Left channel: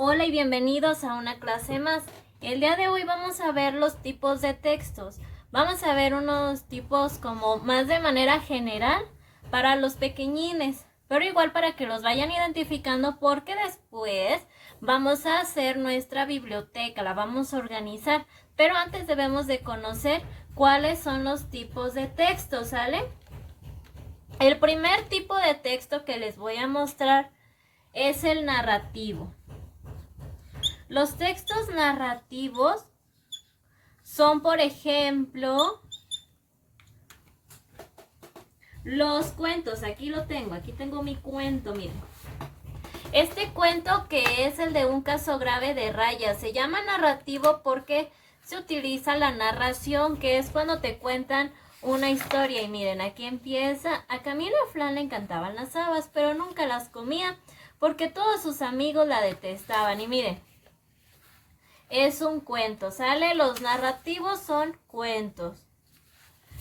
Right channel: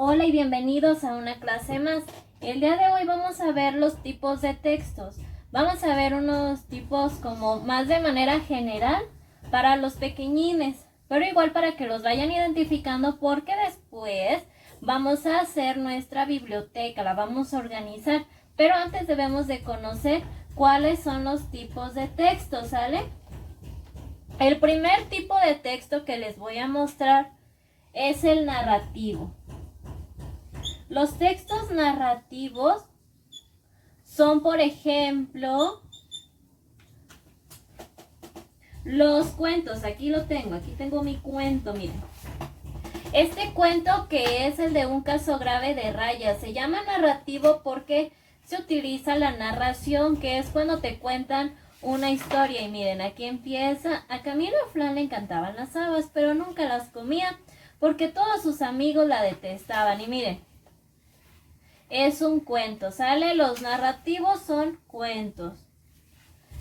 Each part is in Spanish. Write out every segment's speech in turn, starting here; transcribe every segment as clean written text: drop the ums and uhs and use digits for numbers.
Hola y bienvenidos a una clase más. El día de hoy vamos a ver los tipos de textos. Vamos a ver unos tipos como más de manera general para los pequeñines, pero igual para que los vayan identificando porque después vamos a hacer nuestra biblioteca, la vamos a organizar. Pero antes debemos de conocer cuáles son los tipos de texto, ¿sale? El primer tipo de texto que les voy a mostrar es el narrativo. Los textos narrativos son, por ejemplo, los cuentos. Aquí tengo mi cuento, miren. Este cuento, que es el de un caso grave de Raya, se llama narrativo porque se utiliza la narración, que es cuando te cuentan una historia. Y miren, aquí empieza. A Camila Flan le encantaban las habas, pero nunca las comía porque todos sus amigos la detestaban. Y miren, es un cuento, ¿sale? Los narrativos son cuentos.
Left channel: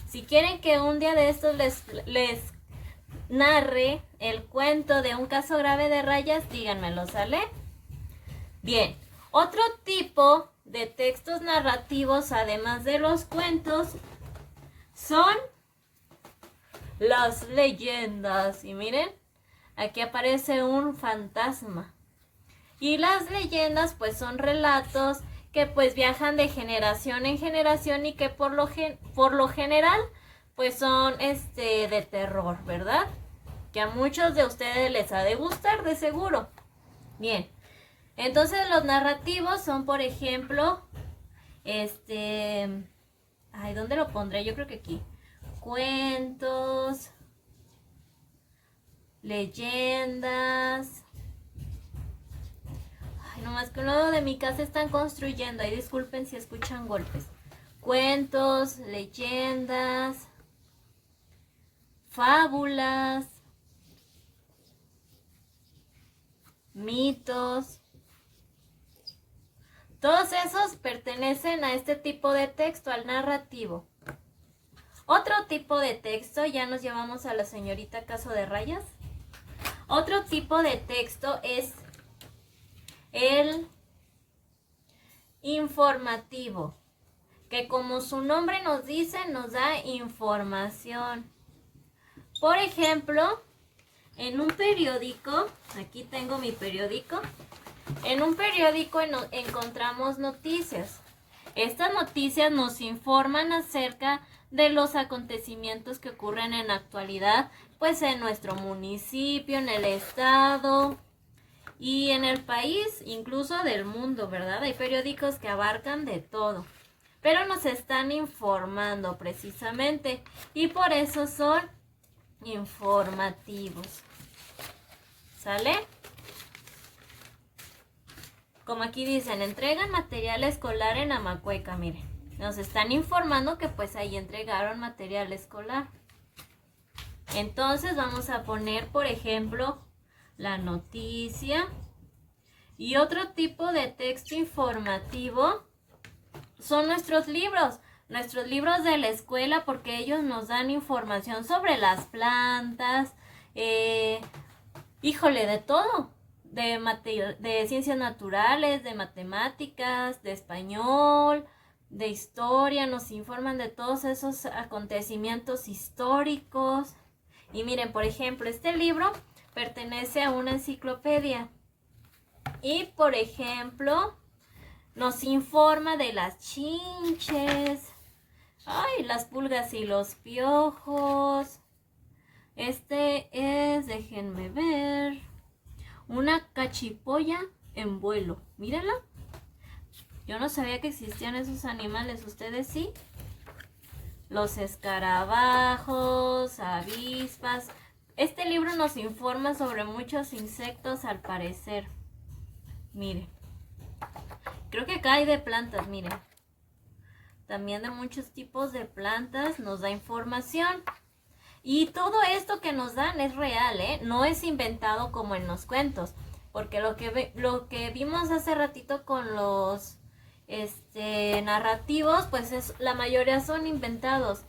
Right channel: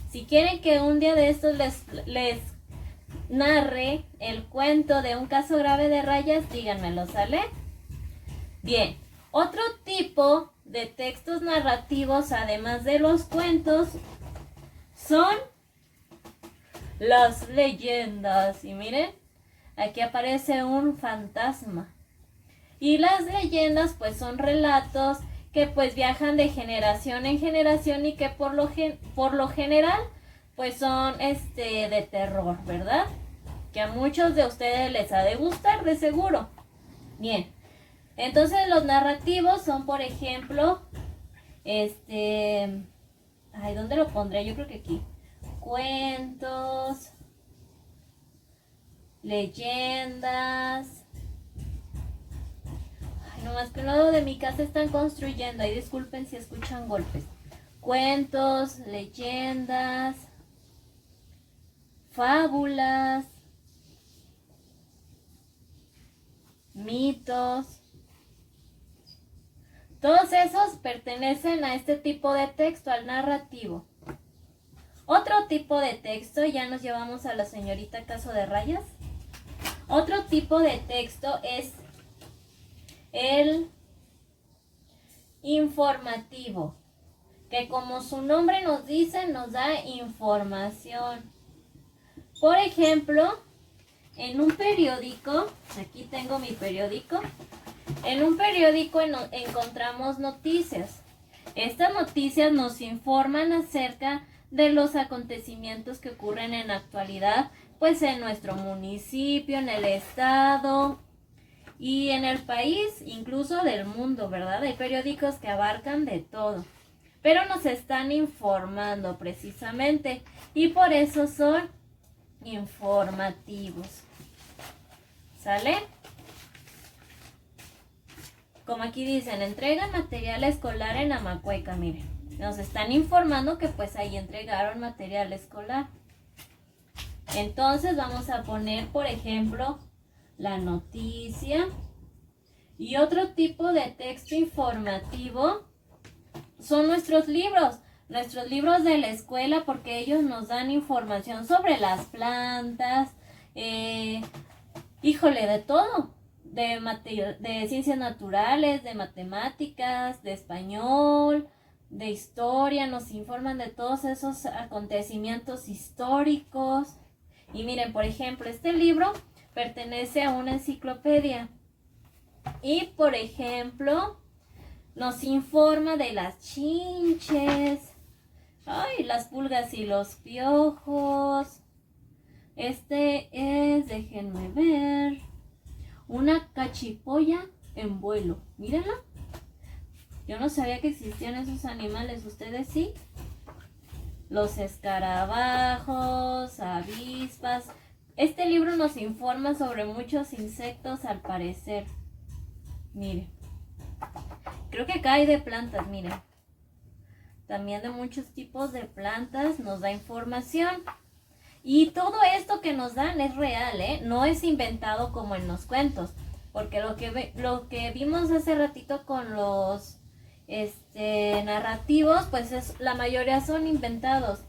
Si quieren que un día de estos les narre el cuento de un caso grave de Rayas, díganmelo, ¿sale? Bien, otro tipo de textos narrativos, además de los cuentos, son las leyendas. Y miren, aquí aparece un fantasma. Y las leyendas pues son relatos que pues viajan de generación en generación y que por lo general pues son de terror, ¿verdad? Que a muchos de ustedes les ha de gustar, de seguro. Bien, entonces los narrativos son, por ejemplo, ¿dónde lo pondré? Yo creo que aquí. Cuentos, leyendas. No más que un lado de mi casa están construyendo. Ahí disculpen si escuchan golpes. Cuentos, leyendas, fábulas, mitos. Todos esos pertenecen a este tipo de texto, al narrativo. Otro tipo de texto, ya nos llevamos a la señorita Caso de Rayas. Otro tipo de texto es el informativo, que como su nombre nos dice, nos da información. Por ejemplo, en un periódico, aquí tengo mi periódico, en un periódico encontramos noticias. Estas noticias nos informan acerca de los acontecimientos que ocurren en la actualidad, pues en nuestro municipio, en el estado y en el país, incluso del mundo, ¿verdad? Hay periódicos que abarcan de todo, pero nos están informando precisamente y por eso son informativos. ¿Sale? Como aquí dicen, entregan material escolar en Amacueca, miren. Nos están informando que pues ahí entregaron material escolar. Entonces vamos a poner, por ejemplo, la noticia. Y otro tipo de texto informativo son nuestros libros de la escuela, porque ellos nos dan información sobre las plantas, de todo, de ciencias naturales, de matemáticas, de español, de historia, nos informan de todos esos acontecimientos históricos. Y miren, por ejemplo, este libro pertenece a una enciclopedia. Y, por ejemplo, nos informa de las chinches, las pulgas y los piojos. Déjenme ver, una cachipolla en vuelo. Mírenla. Yo no sabía que existían esos animales. ¿Ustedes sí? Los escarabajos, avispas. Este libro nos informa sobre muchos insectos, al parecer. Miren. Creo que acá hay de plantas, miren. También de muchos tipos de plantas nos da información. Y todo esto que nos dan es real, ¿eh? No es inventado como en los cuentos. Porque lo que vimos hace ratito con los narrativos, pues la mayoría son inventados.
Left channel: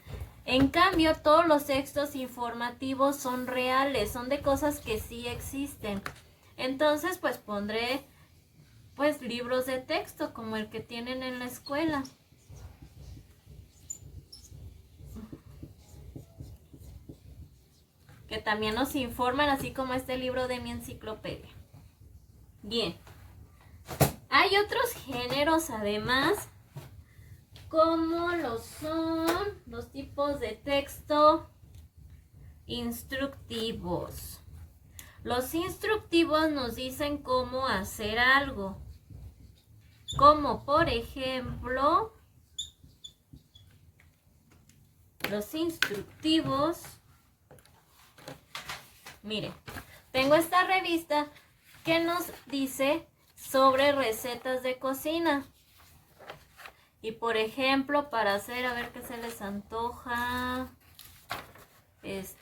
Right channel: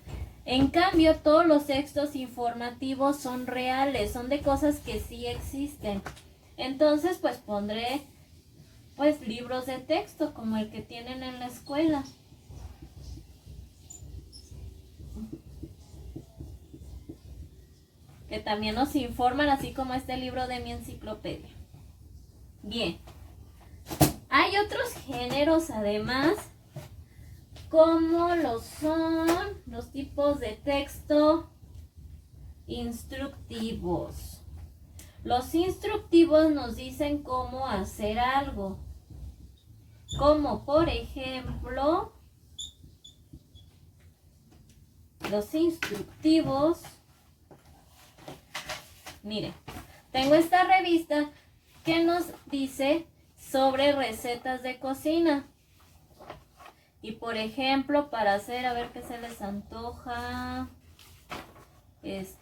En cambio, todos los textos informativos son reales, son de cosas que sí existen. Entonces, pues pondré pues libros de texto como el que tienen en la escuela. Que también nos informan, así como este libro de mi enciclopedia. Bien. Hay otros géneros además, como lo son los tipos de texto instructivos. Los instructivos nos dicen cómo hacer algo. Como por ejemplo, los instructivos. Mire, tengo esta revista que nos dice sobre recetas de cocina. Y por ejemplo, para hacer, a ver qué se les antoja.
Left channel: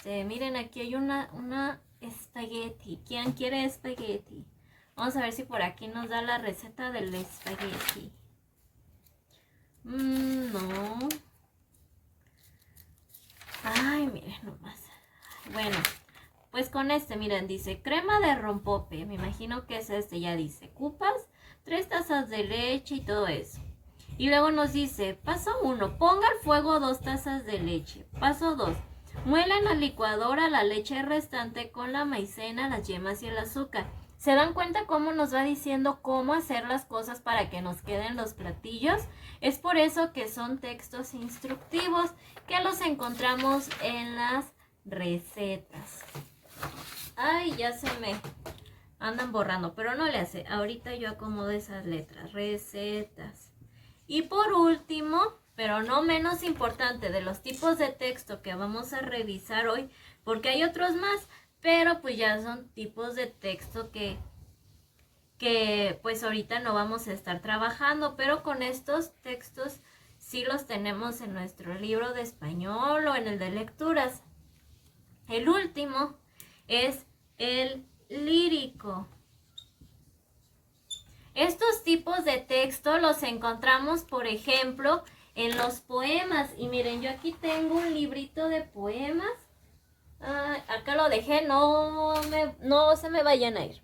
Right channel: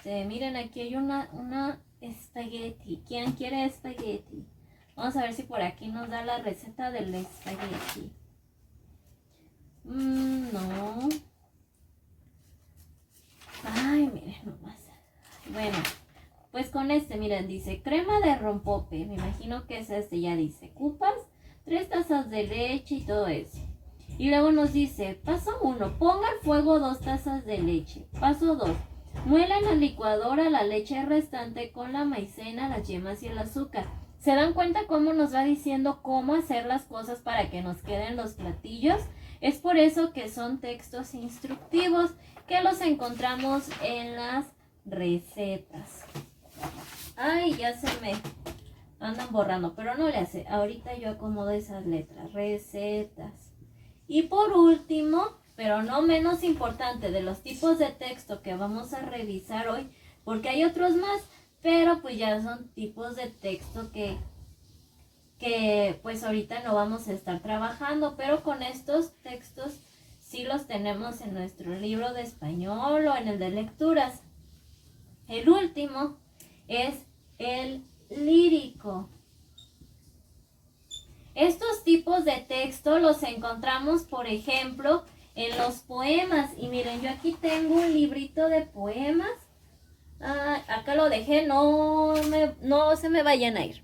Miren, aquí hay una espagueti. ¿Quién quiere espagueti? Vamos a ver si por aquí nos da la receta del espagueti. No. Ay, miren nomás. Bueno, pues con miren, dice crema de rompope. Me imagino que es ya dice. Cupas, 3 tazas de leche y todo eso. Y luego nos dice, paso 1, ponga al fuego 2 tazas de leche. Paso 2, muela en la licuadora la leche restante con la maicena, las yemas y el azúcar. ¿Se dan cuenta cómo nos va diciendo cómo hacer las cosas para que nos queden los platillos? Es por eso que son textos instructivos que los encontramos en las recetas. Ay, ya se me andan borrando, pero no le hace. Ahorita yo acomodo esas letras. Recetas. Y por último, pero no menos importante, de los tipos de texto que vamos a revisar hoy, porque hay otros más, pero pues ya son tipos de texto que pues ahorita no vamos a estar trabajando, pero con estos textos sí los tenemos en nuestro libro de español o en el de lecturas. El último es el lírico. Estos tipos de texto los encontramos, por ejemplo, en los poemas. Y miren, yo aquí tengo un librito de poemas. Acá lo dejé, no se me vayan a ir.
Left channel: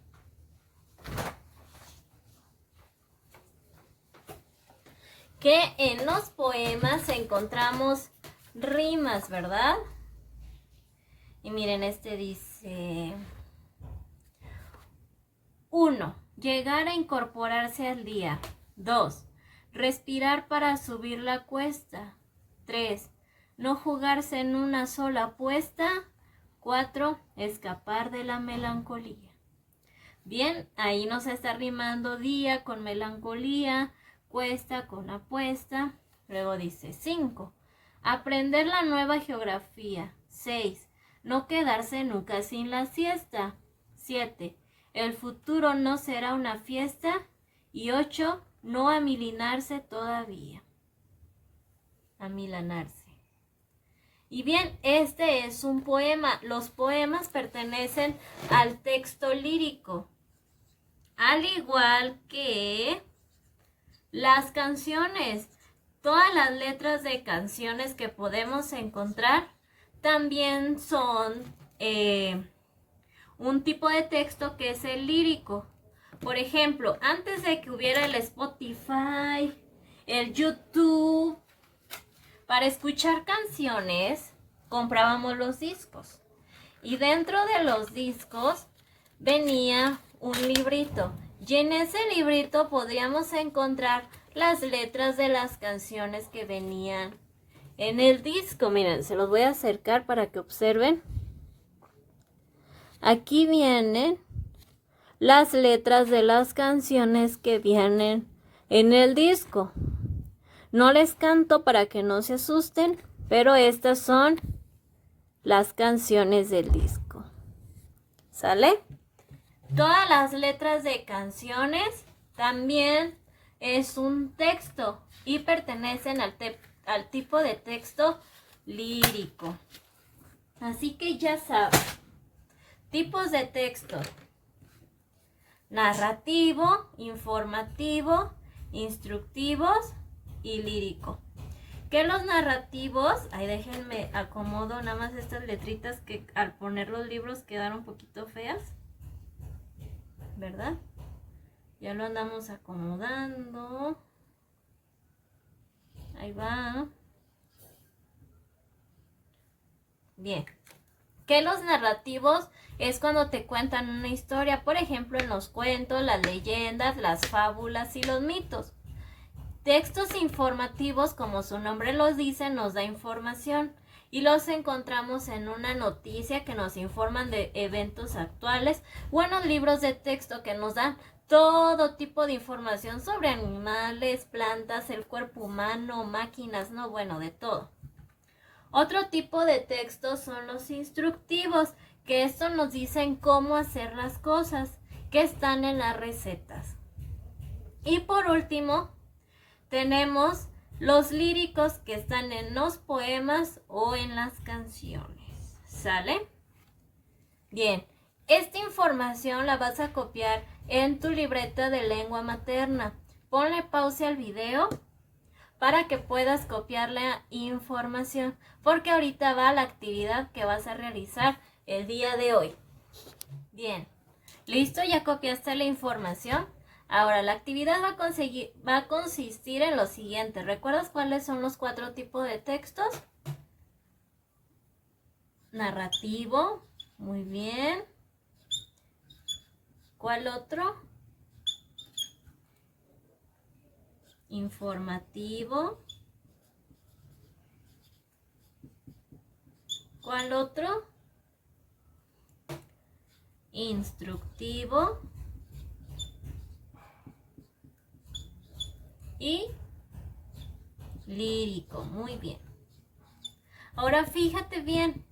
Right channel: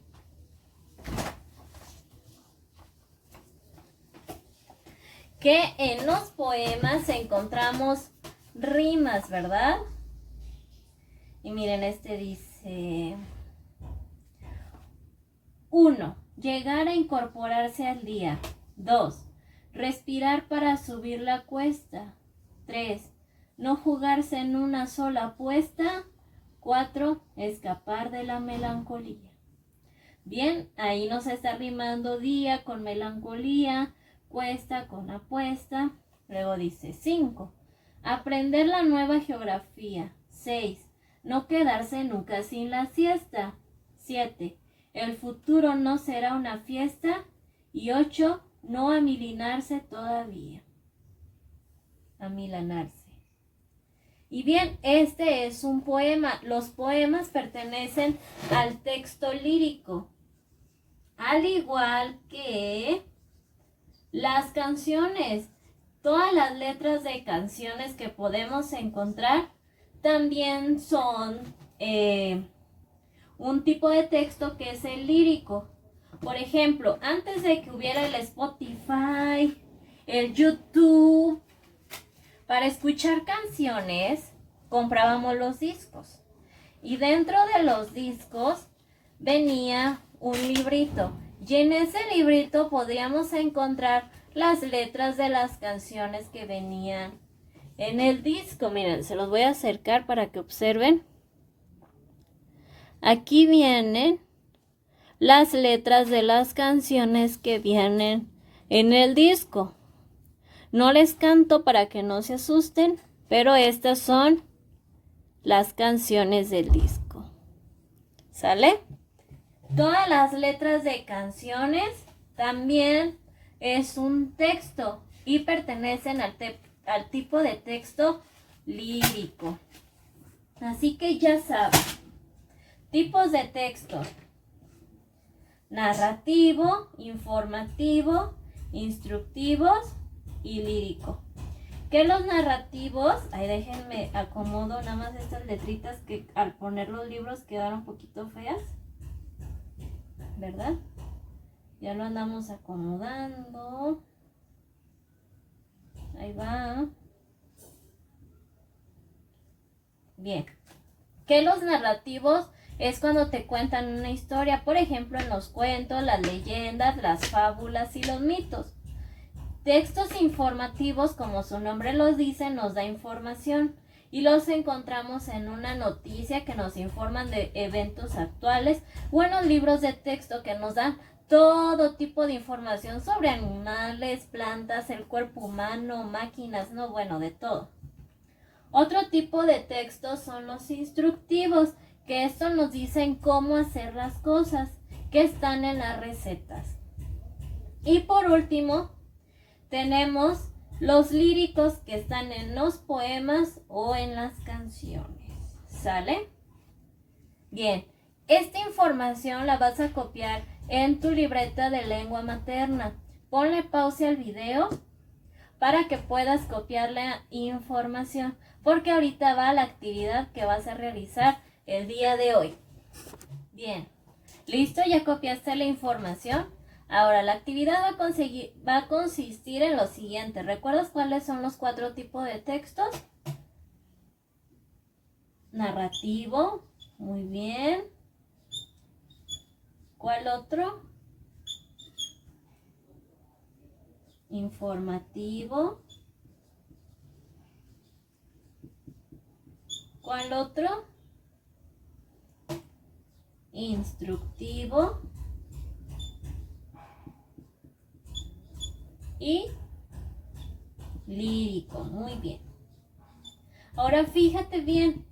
Que en los poemas encontramos rimas, ¿verdad? Y miren, dice 1. Llegar a incorporarse al día. 2. Respirar para subir la cuesta. 3. No jugarse en una sola apuesta. 4. Escapar de la melancolía. Bien, ahí nos está rimando día con melancolía, cuesta con apuesta. Luego dice 5. Aprender la nueva geografía. 6. No quedarse nunca sin la siesta. 7. El futuro no será una fiesta. Y 8. No amilanarse todavía. Amilanarse. Y bien, este es un poema. Los poemas pertenecen al texto lírico. Al igual que las canciones. Todas las letras de canciones que podemos encontrar también son un tipo de texto que es el lírico. Por ejemplo, antes de que hubiera el Spotify, el YouTube, para escuchar canciones comprábamos los discos. Y dentro de los discos venía un librito. Y en ese librito podríamos encontrar las letras de las canciones que venían en el disco. Miren, se los voy a acercar para que observen. Aquí vienen las letras de las canciones que vienen en el disco. No les canto para que no se asusten, pero estas son las canciones del disco. ¿Sale? Todas las letras de canciones también es un texto y pertenecen al tipo de texto lírico. Así que ya saben. Tipos de texto: narrativo, informativo, instructivos y lírico. Que los narrativos, ahí déjenme acomodo nada más estas letritas que al poner los libros quedaron un poquito feas, ¿verdad? Ya lo andamos acomodando. Ahí va. Bien. Que los narrativos es cuando te cuentan una historia, por ejemplo, en los cuentos, las leyendas, las fábulas y los mitos. Textos informativos, como su nombre los dice, nos da información y los encontramos en una noticia que nos informan de eventos actuales o en los libros de texto que nos dan todo tipo de información sobre animales, plantas, el cuerpo humano, máquinas, no, bueno, de todo. Otro tipo de textos son los instructivos, que esto nos dicen cómo hacer las cosas, que están en las recetas. Y por último, tenemos los líricos, que están en los poemas o en las canciones. ¿Sale? Bien, esta información la vas a copiar en tu libreta de lengua materna. Ponle pausa al video para que puedas copiar la información, porque ahorita va la actividad que vas a realizar el día de hoy. Bien, ¿listo? ¿Ya copiaste la información? Ahora, la actividad va a consistir en lo siguiente. ¿Recuerdas cuáles son los 4 tipos de textos? Narrativo, muy bien. ¿Cuál otro? Informativo. ¿Cuál otro? Instructivo. Y lírico, muy bien. Ahora fíjate bien.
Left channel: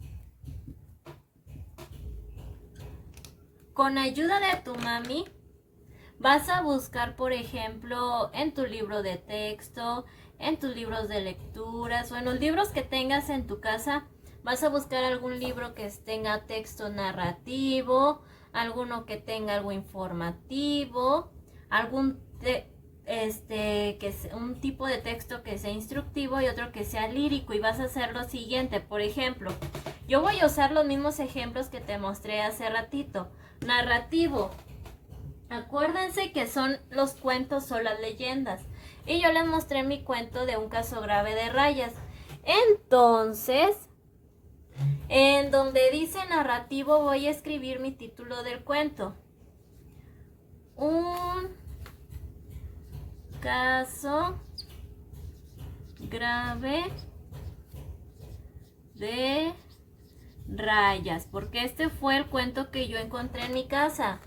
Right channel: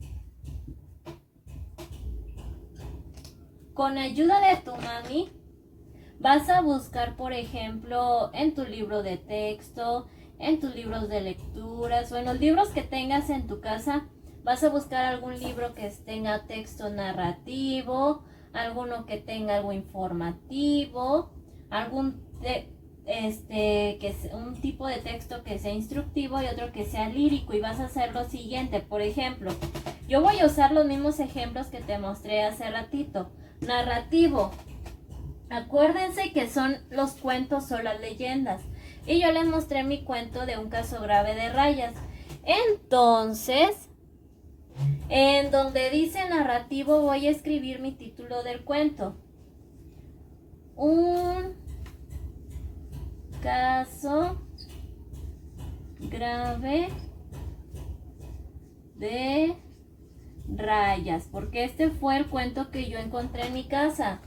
Con ayuda de tu mami, vas a buscar, por ejemplo, en tu libro de texto, en tus libros de lecturas o en los libros que tengas en tu casa. Vas a buscar algún libro que tenga texto narrativo, alguno que tenga algo informativo, algún un tipo de texto que sea instructivo y otro que sea lírico, y vas a hacer lo siguiente. Por ejemplo, yo voy a usar los mismos ejemplos que te mostré hace ratito. Narrativo, acuérdense que son los cuentos o las leyendas, y yo les mostré mi cuento de un caso grave de rayas. Entonces, en donde dice narrativo voy a escribir mi título del cuento: un caso grave de rayas, porque este fue el cuento que yo encontré en mi casa.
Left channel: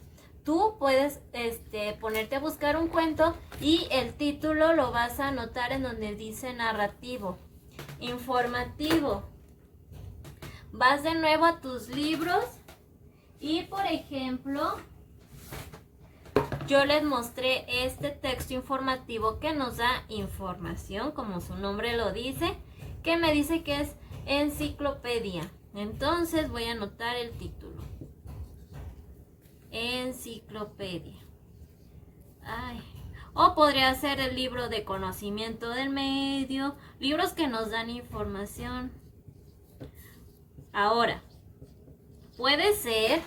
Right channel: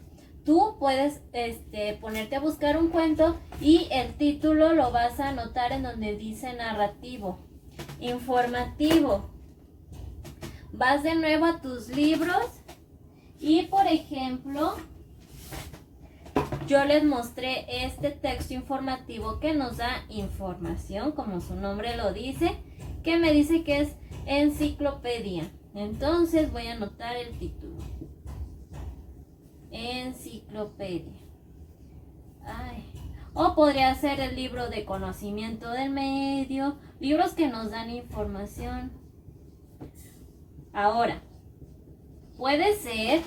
Tú puedes ponerte a buscar un cuento y el título lo vas a anotar en donde dice narrativo. Informativo, vas de nuevo a tus libros y, por ejemplo, yo les mostré este texto informativo que nos da información, como su nombre lo dice, que me dice que es enciclopedia. Entonces voy a anotar el título: enciclopedia. O podría ser el libro de conocimiento del medio, libros que nos dan información. Ahora, puede ser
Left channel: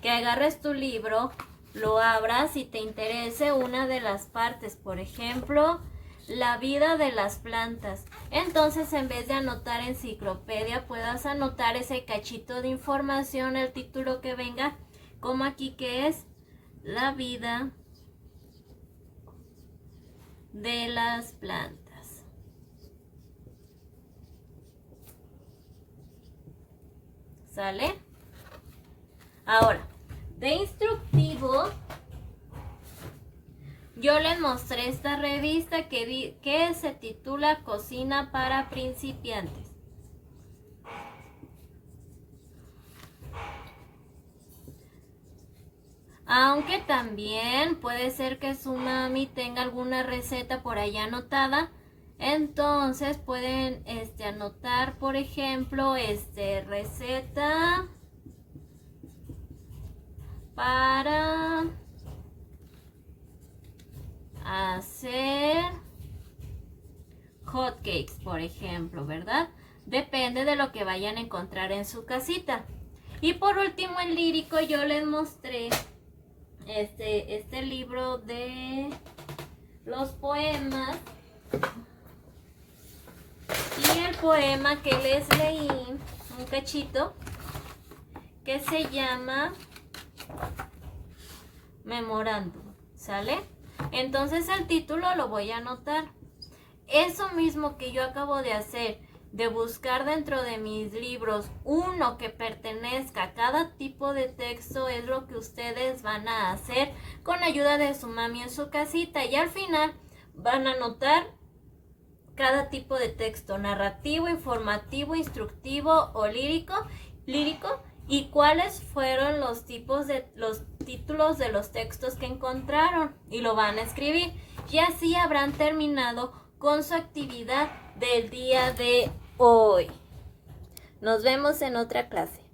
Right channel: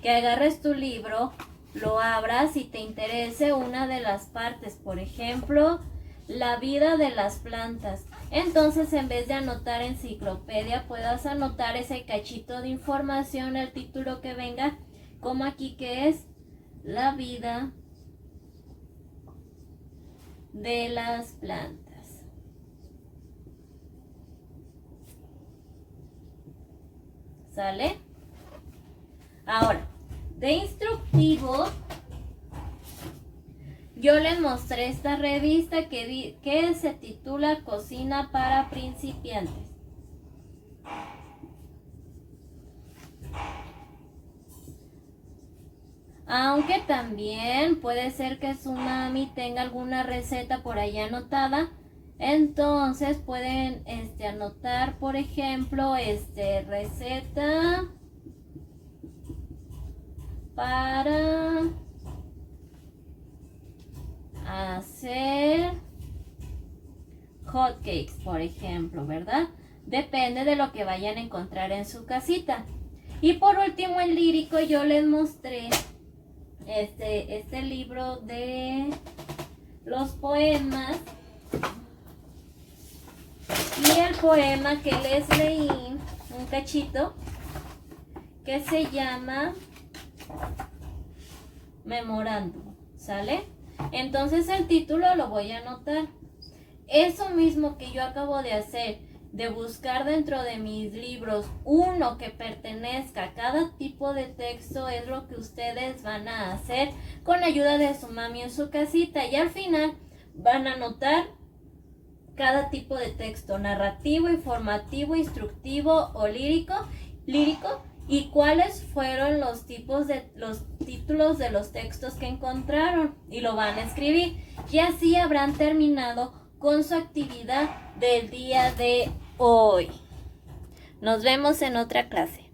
que agarres tu libro, lo abras y te interese una de las partes, por ejemplo, la vida de las plantas. Entonces, en vez de anotar enciclopedia, puedas anotar ese cachito de información, el título que venga, como aquí, que es la vida de las plantas. ¿Sale? Ahora, de instructivo, yo les mostré esta revista que se titula Cocina para principiantes. Aunque también puede ser que su mami tenga alguna receta por ahí anotada. Entonces pueden anotar, por ejemplo, receta para hacer hot cakes, por ejemplo, ¿verdad? Depende de lo que vayan a encontrar en su casita. Y por último, el lírico, yo les mostré este libro de los poemas. Y el poema que les leí, un cachito, que se llama Memorándum, ¿sale? Entonces el título lo voy a anotar. Eso mismo que yo acabo de hacer, de buscar dentro de mis libros uno que pertenezca a cada tipo de texto, es lo que ustedes van a hacer con ayuda de su mami en su casita. Y al final van a anotar cada tipo de texto: narrativo, informativo, instructivo o lírico, y cuáles fueron los títulos de los textos que encontraron, y lo van a escribir, y así habrán terminado con su actividad del día de hoy. Nos vemos en otra clase.